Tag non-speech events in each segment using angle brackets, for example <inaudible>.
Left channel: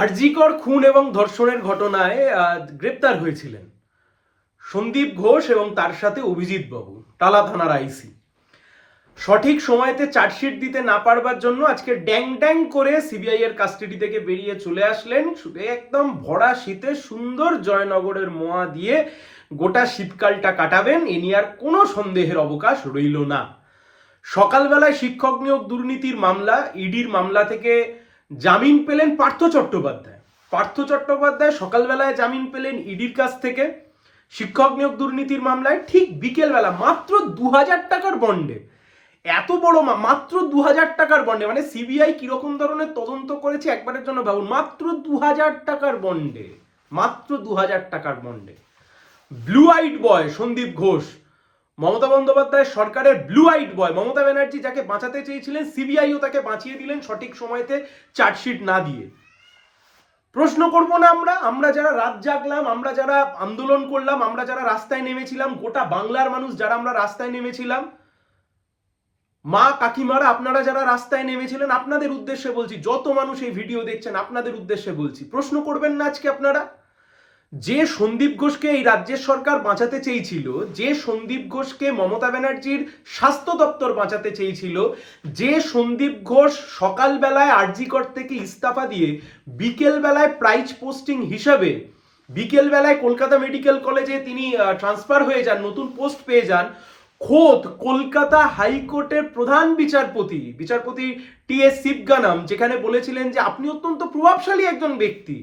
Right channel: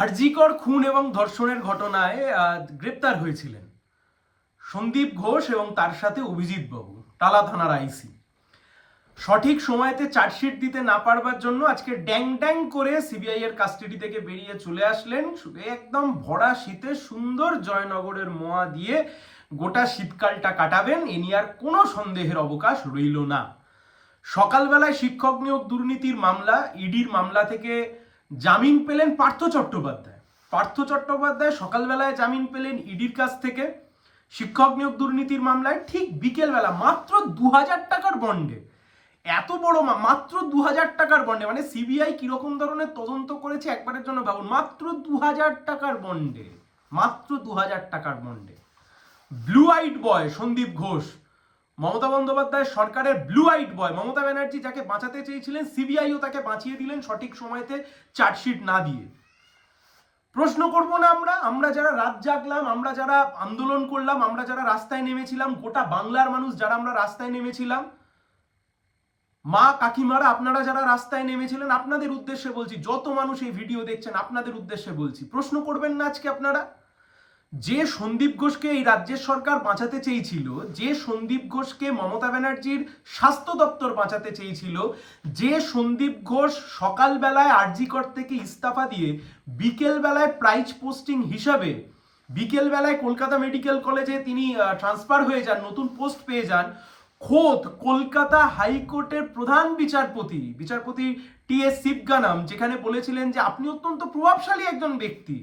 আরজিকর খুন এবং ধর্ষণের ঘটনায় গ্রেপ্তার হয়েছিলেন সন্দীপ ঘোষ এবং তার সাথে অভিজিৎ বাবু, টালা থানার আইসি। সঠিক সময়তে চার্জশিট দিতে না পারবার জন্য আজকে ড্যাং ড্যাং করে সিবিআই এর কাস্টাডি থেকে বেরিয়ে চলে আসলেন একদম ভরা শীতে সুন্দর জয়নগরের মোয়া দিয়ে গোটা শীতকালটা কাটাবেন, এ নিয়ে আর কোনো সন্দেহের অবকাশ রইল না। সকালবেলায় শিক্ষক নিয়োগ দুর্নীতির মামলা, ইডির মামলা থেকে জামিন পেলেন পার্থ চট্টোপাধ্যায়। পার্থ চট্টোপাধ্যায় সকালবেলায় জামিন পেলেন ইডির কাছ থেকে। শিক্ষক নিয়োগ দুর্নীতির মামলায় ঠিক বিকেলবেলা মাত্র দু হাজার টাকার বন্ডে। এত বড় মাত্র দু হাজার টাকার বন্ডে। মানে সিবিআই কীরকম ধরনের তদন্ত করেছে একবারের জন্য ভাবুন। মাত্র দু হাজার টাকার বন্ডে। মাত্র দু হাজার টাকার বন্ডে। Blue eyed boy Sandip Ghosh Mamata Bandyopadhyay সরকারের blue eyed boy Mamata Banerjee যাকে বাঁচাতে চেয়েছিলেন সিবিআইও তাকে বাঁচিয়ে দিলেন সঠিক সময়তে চার্জশিট না দিয়ে। প্রশ্ন করব না আমরা আমরা যারা রাত জাগলাম, আমরা যারা আন্দোলন করলাম, আমরা যারা রাস্তায় নেমেছিলাম, গোটা বাংলার মানুষ যারা আমরা রাস্তায় নেমেছিলাম, মা কাকিমারা আপনারা যারা রাস্তায় নেমেছিলেন, আপনাদের উদ্দেশ্যে বলছি, যত মানুষ এই ভিডিও দেখছেন, আপনাদের উদ্দেশ্যে বলছি, প্রশ্ন করবেন না আজকে আপনারা? যে সন্দীপ ঘোষকে এই রাজ্যের সরকার বাঁচাতে চেয়েছিল, যে সন্দীপ ঘোষকে মমতা ব্যানার্জির স্বাস্থ্য দপ্তর বাঁচাতে চেয়েছিল, যে সন্দীপ ঘোষ সকালবেলায় আরজিকর থেকে ইস্তফা দিয়ে বিকেলবেলায় প্রাইজ পোস্টিং হিসাবে বিকেলবেলায় কলকাতা মেডিকেল কলেজে তিনি ট্রান্সফার হয়ে যান, নতুন পোস্ট পেয়ে যান। খোদ কলকাতা হাইকোর্টের প্রধান বিচারপতি বিচারপতি টি এস শিবগানাম, যেখানে বলেছিলেন যে আপনি অত্যন্ত প্রভাবশালী একজন ব্যক্তি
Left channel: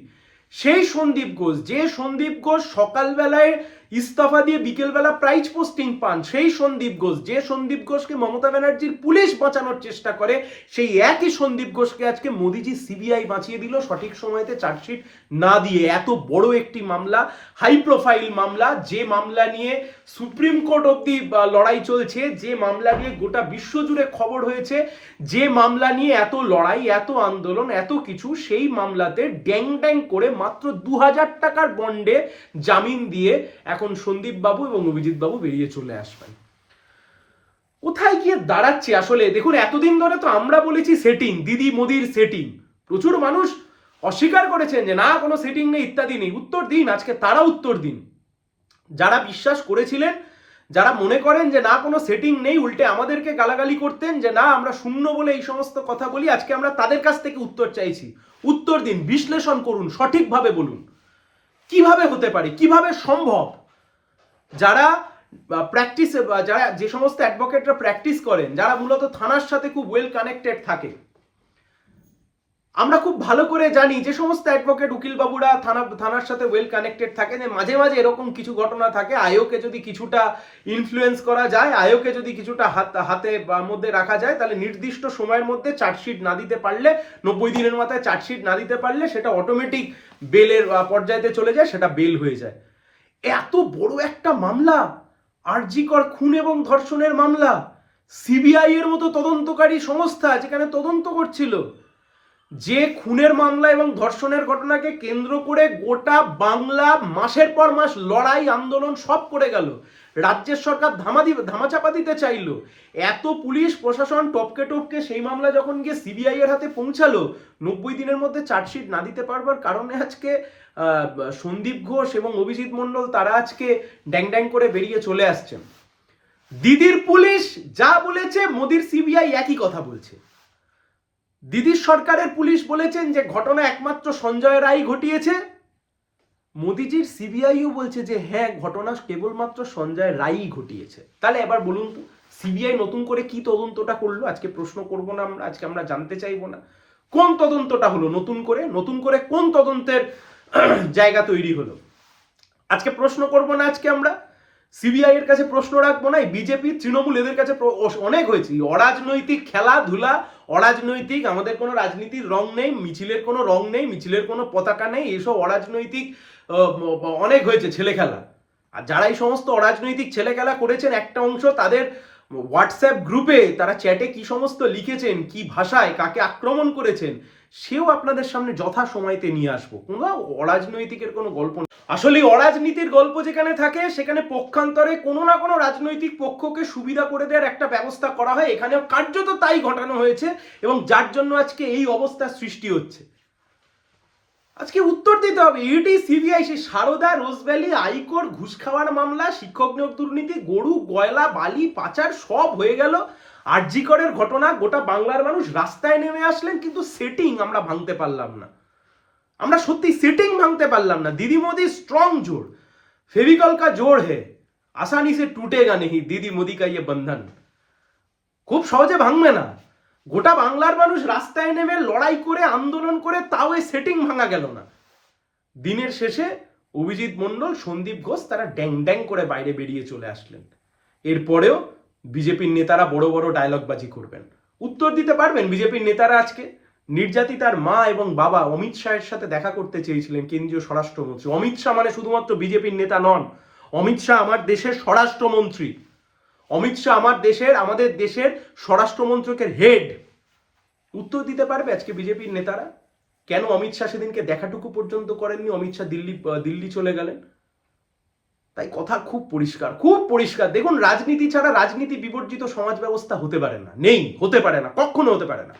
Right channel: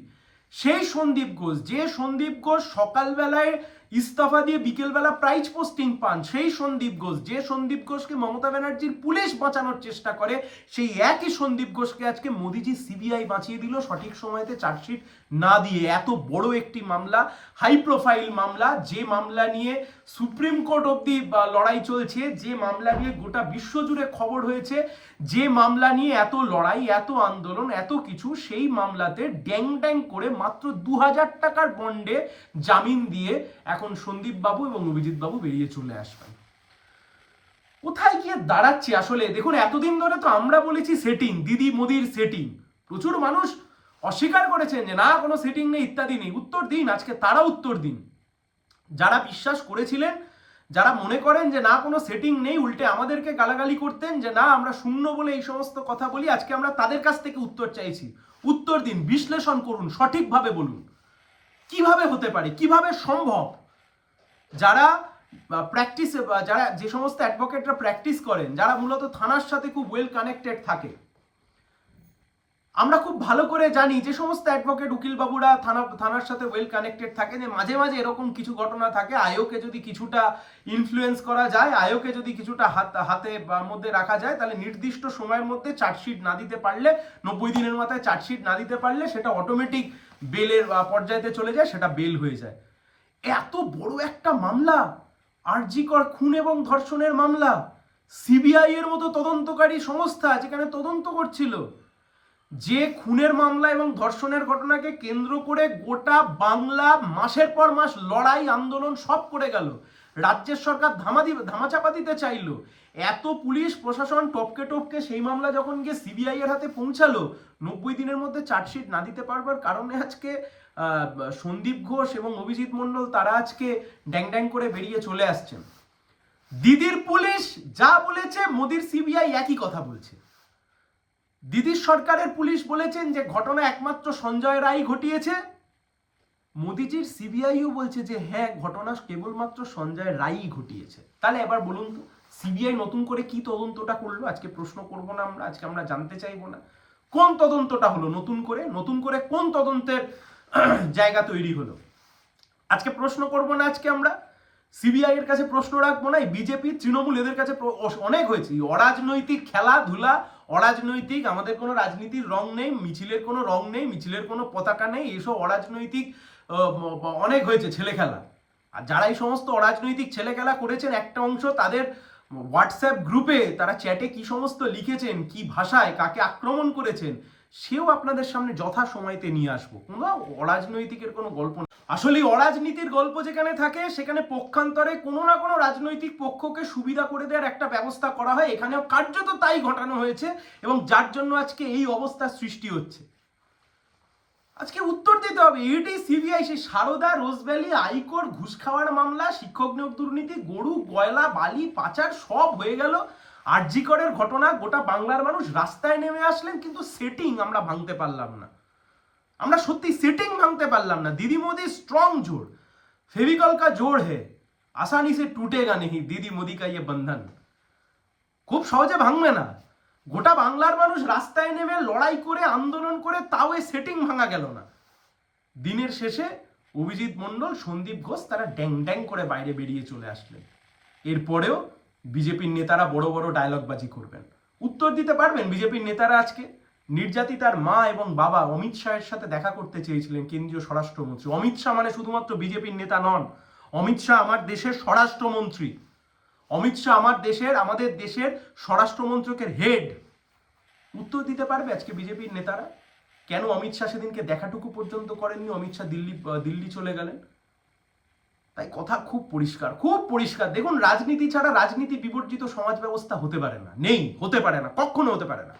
সেই সন্দীপ ঘোষ, যে সন্দীপ ঘোষ সকালবেলায় ইস্তফা দিয়ে বিকেলবেলা প্রাইজ পোস্টিং পান, সেই সন্দীপ ঘোষ, যে সন্দীপ ঘোষকে মমতা ব্যানার্জির পুলিশ বাঁচানোর চেষ্টা করে, সেই একই সন্দীপ ঘোষকে আজকে মোদিজি সিবিআই বাঁচিয়ে দিল, সঠিক সময়তে চার্জশিট না দিয়ে। এত বড় একটি মামলা হাই প্রোফাইল মামলা, যে মামলা নিয়ে সুপ্রিম কোর্ট অব্দি লড়াই চলছে, যে মামলা নিয়ে গোটা বিশ্বজুড়ে খবর হয়েছে, যে মামলা নিয়ে এত লড়াই, এত আন্দোলন, এত কিছু, সেই মামলাতে ড্যাং ড্যাং করে মাত্র দু হাজার টাকার বন্ডে জামিন দিয়ে এখন সন্দীপ বাবু এবং অভিজিৎ বাবু বেরিয়ে চলে আসবেন। কোথায় গিয়ে দাঁড়াচ্ছে আসলে? দেখুন, এতদিন ধরে তো আমরা বলেছি সেটিং দিদি মোদির সেটিং প্রচুর মানুষ অস্বীকার করেছেন যে, না, কোনো সেটিং নেই, ইত্যাদি নেই। উত্তর দিন, আজকে তারা উত্তর দিন। যারা বিশ্বাস করেছিলেন, যারা মনে করেন যে না, কোনো সেটিং নেই, উল্টে আমাদেরকে গালাগালি করতেন যে না, আমরা শূন্য বলে এই সমস্ত কথা বলি, আজকে আমরা তাদের কাছ থেকে উত্তর চাইছি। উত্তর দিন, বিশ্লেষণ করুন, সঠিকভাবে বলুন। কীভাবে হতে পারে? কীভাবে সম্ভব? যারা প্র্যাকটিস যারা যে সমস্ত অ্যাডভোকেটরা প্র্যাকটিস করেন, যারা মূলত থানার সাথে খুব ওয়েল কানেক্টেড থাকে আমরা খুব ভালো করে জানি যে সমস্ত অ্যাডভোকেট উকিল বাবুরা থানা, থানার সাথে ওয়েল কানেক্টেড থাকে, যে মাঝে মাঝে এরকম কিছু ঘটনা থাকে, আয়োকে যদি কিছুটা ইনফ্লুয়েন্স করা যায়, আয়োকে যদি কিছুটা হাত, হাতে মধ্যে রাখা যায়, তাহলে নির্দিষ্ট সময়ের মধ্যে চার্জশিট না দিতে পারলে, নব্বই দিনের মাথায় চার্জশিট না দিতে পারলে সেটা অটোমেটিক বেলের পর্যায়েতে চলে যায়, সেটা বেল হয়ে যায়। এত বড় একটা মামলা, আরজিকর খুন এবং ধর্ষণের মামলা, সিবিআই এর মতো তদন্তকারী সংস্থা, যেখানে তদন্ত করছিল যে খুনের মামলা এবং ধর্ষণের ঘটনাকে কেন্দ্র করে গোটা বাংলা মাসের পর মাস লড়াই, আন্দোলন সব করে গেল। রাজ্যের সরকার ধামা ধামাচাপা দিতে চাইলো। এত পুলিশ, প্রশাসন টপকে টপকে সেই মামলা যখন গিয়ে সিবিআই এর হাতে পৌঁছালো, নব্বই দিনের মধ্যে চার্জশিট না দিতে পারবার কারণে আজকে সন্দীপ ঘোষ এবং অভিজিৎ মণ্ডল তারা আজকে ড্যাং ড্যাং করে বেরিয়ে চলে আসছেন। দিদির পুলিশ যা বলেছে, মোদির সিবিআই একই কথা বলছে। দিদির সরকারের পুলিশ বলেছেন যে ঘটনা একমাত্র সঞ্জয় রায় ঘটিয়েছে। মোদিজির সিবিআইও বলছে যে হ্যাঁ ঘটনা কেবলমাত্র সঞ্জয় রায়ই ঘটিয়েছে। তাহলে এবার বলুন তো, সিবিআই নতুন করে কি তদন্তটা করল? আজকে প্রশ্ন করব না আমরা, আজকে আমরা জানতে চাইব না। কোন তদন্তটা হলো নতুন করে? নতুন করে কোন তদন্তের <clears throat> জায়গা তৈরি হলো? আজকে প্রশ্ন করব না আজকে আমরা। সিবিআই এর কাছে প্রশ্ন রাখব না। বিজেপি, তৃণমূল এদের কাছে অনেক হয়েছে। অরাজনৈতিক খেলাধুলা অরাজনৈতিক, আমাদের কোনো রাজনীতির রং নেই, মিছিলের কোনো রং নেই, মিছিলের কোনো পতাকা নেই এসব অরাজনৈতিক অনেক হয়েছে ছেলে খেলা আর যারা এই সমস্ত অরাজনৈতিক ছেলে খেলা করেছেন, একটা অংশ তাদের হোয়াটসঅ্যাপ গ্রুপে তারা চ্যাটে কি সমস্ত লিখেছেন, কি ভাষায়, কাকে আক্রমণ করেছেন সেও আপনাদের সামনে যথা সময়তে নিয়ে আসব। কোনো অরাজনৈতিকের কোনো গল্প। আসলে অরাজনীতির গল্প যেখানে থাকে, সেখানে পক্ষান্তরে কোনো না কোনো রাজনৈতিক পক্ষকে সুবিধা করে দেওয়ার একটা ব্যবস্থা করা হয়। এখানেও কার্যত তাই ঘটানো হয়েছে এবং যার জন্য আজকে এই অবস্থার সৃষ্টি হচ্ছে। আজকে উত্তর দিতে হবে। ইডি সিবিআই সেই সারদা, রোজভ্যালি, আইকোর, ঘুষ খাওয়ার মামলা, শিক্ষক নিয়োগ দুর্নীতি, গরু, গয়লা, বালি, পাচার সব হয়ে গেল। আরজিকরের ঘটনা, গোটা বাংলার মানুষ রাস্তায় নেমে আসলেন, কিন্তু সেটিং আমরা ভাঙতে পারলাম না। আমরা সত্যি সেটিং ভাঙতে পারলাম না। দিদি মোদি স্ট্রং জোর। ফেভিকল কা জোর হে। আসানি সে টুটেগা নেহি। দিদি মোদি কা ইয়ে বন্ধন। খুব সহজে ভাঙবে না। গোটা বাংলার মানুষ রাস্তায় নেমে লড়াই করে, আন্দোলন করে, তাও এই সেটিং ভাঙা গেল না। দিনের শেষে অভিজিৎ মণ্ডল, সন্দীপ ঘোষ, তারা ড্যাং ড্যাং করে বাইরে বেরিয়ে চলে আসলেন। এরপরেও বিজেপির নেতারা বড় বড় ডায়লগবাজি করবেন। উত্তর দিতে পারবেন বিজেপির নেতারা আজকে। নির্যাতিতার মা এবং বাবা অমিত শাহের সাথে দেখা করতে চেয়েছিলেন কেন্দ্রীয় স্বরাষ্ট্রমন্ত্রী। অমিত শাহ মানে শুধুমাত্র বিজেপির নেতা নন, অমিত শাহ আমার দেশের স্বরাষ্ট্রমন্ত্রী। অমিত শাহ আমার দেশের, আমাদের দেশের স্বরাষ্ট্রমন্ত্রকের হেড উত্তর দিতে পারবে আজকে বিজেপির নেতারা? কেন অমিত শাহ সেদিনকে দেখাটুকু পর্যন্ত করেননি? অমিত শাহ দিল্লি দিল্লি চলে গেলেন। তাই কথা খুব পরিষ্কার খুব পরিষ্কার। দেখুন, রাজনীতি ছাড়া রাজনীতি বিবর্জিত সমাজ ব্যবস্থা হতে পারে না। নেই, হতে পারে না, কখনো হতে পারে না।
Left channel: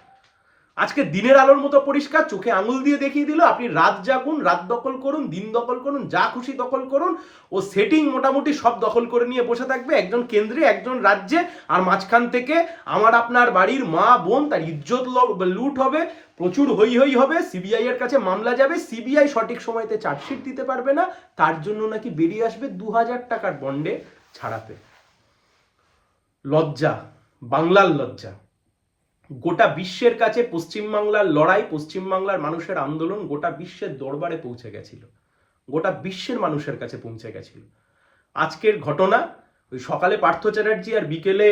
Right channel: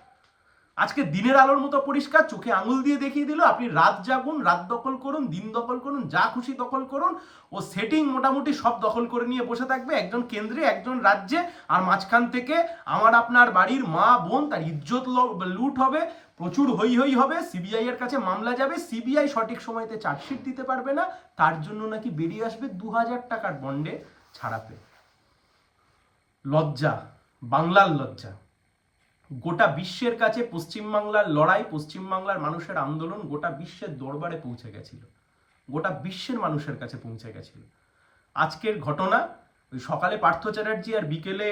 আজকে দিনের আলোর মতো পরিষ্কার, চোখে আঙুল দিয়ে দেখিয়ে দিল, আপনি রাত জাগুন, রাত দখল করুন, দিন দখল করুন, যা খুশি দখল করুন, ও সেটিং মোটামুটি সব দখল করে নিয়ে বসে থাকবে, একজন কেন্দ্রে, একজন রাজ্যে, আর মাঝখান থেকে আমার আপনার বাড়ির মা, বোন, তার ইজ্জত লুট হবে, প্রচুর হই হই হবে সিবিআই এর কাছে মামলা যাবে সিবিআই সঠিক সময়তে চার্জশিট দিতে পারবে না, তার জন্য নাকি বেরিয়ে আসবে দু হাজার টাকার বন্ডে ছাড়াতে। লজ্জা, বাংলার লজ্জা। গোটা বিশ্বের কাছে পশ্চিমবাংলার লড়াই, পশ্চিমবাংলার মানুষের আন্দোলন গোটা বিশ্বের দরবারে পৌঁছে গেছিল। গোটা বিশ্বের মানুষের কাছে পৌঁছে গেছিল। আজকের ঘটনা, ওই সকালে পার্থ চ্যাটার্জি আর বিকেলে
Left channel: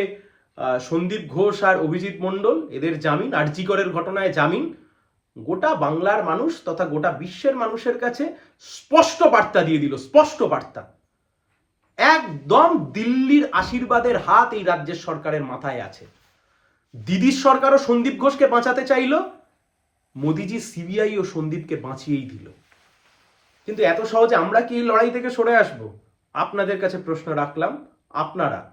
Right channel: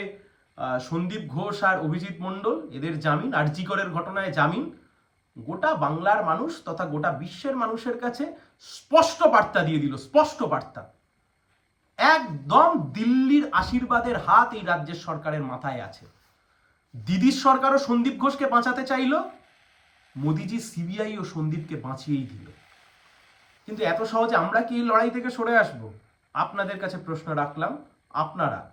সন্দীপ ঘোষ আর অভিজিৎ মণ্ডল, এদের জামিন, আরজিকরের ঘটনায় জামিন। গোটা বাংলার মানুষ তথা গোটা বিশ্বের মানুষের কাছে স্পষ্ট বার্তা দিয়ে দিল, স্পষ্ট বার্তা। একদম দিল্লির আশীর্বাদের হাত এই রাজ্যের সরকারের মাথায় আছে। দিদির সরকারও সন্দীপ ঘোষকে বাঁচাতে চাইল, মোদিজি সিবিআই ও সন্দীপকে বাঁচিয়েই দিল। কিন্তু এত সহজে আমরা কি লড়াই থেকে সরে আসব? আপনাদের কাছে প্রশ্ন রাখলাম, আপনারা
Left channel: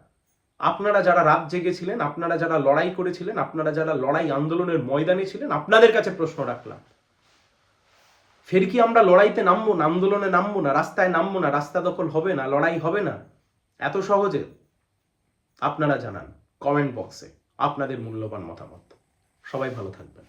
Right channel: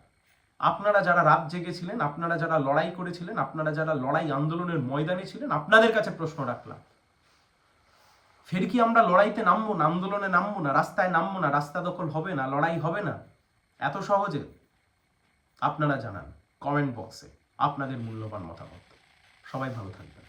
আপনারা যারা রাত জেগেছিলেন, আপনারা যারা লড়াই করেছিলেন, আপনারা যারা লড়াই আন্দোলনের ময়দানে ছিলেন, আপনাদের কাছে প্রশ্ন রাখলাম। ফের কি আমরা লড়াইতে নামবো না, আন্দোলনে নামবো না, রাস্তায় নামবো না, রাস্তা দখল হবে না, লড়াই হবে না? এত সহজে? আপনারা জানান কমেন্ট বক্সে আপনাদের মূল্যবান মতামত। সবাই ভালো থাকবেন।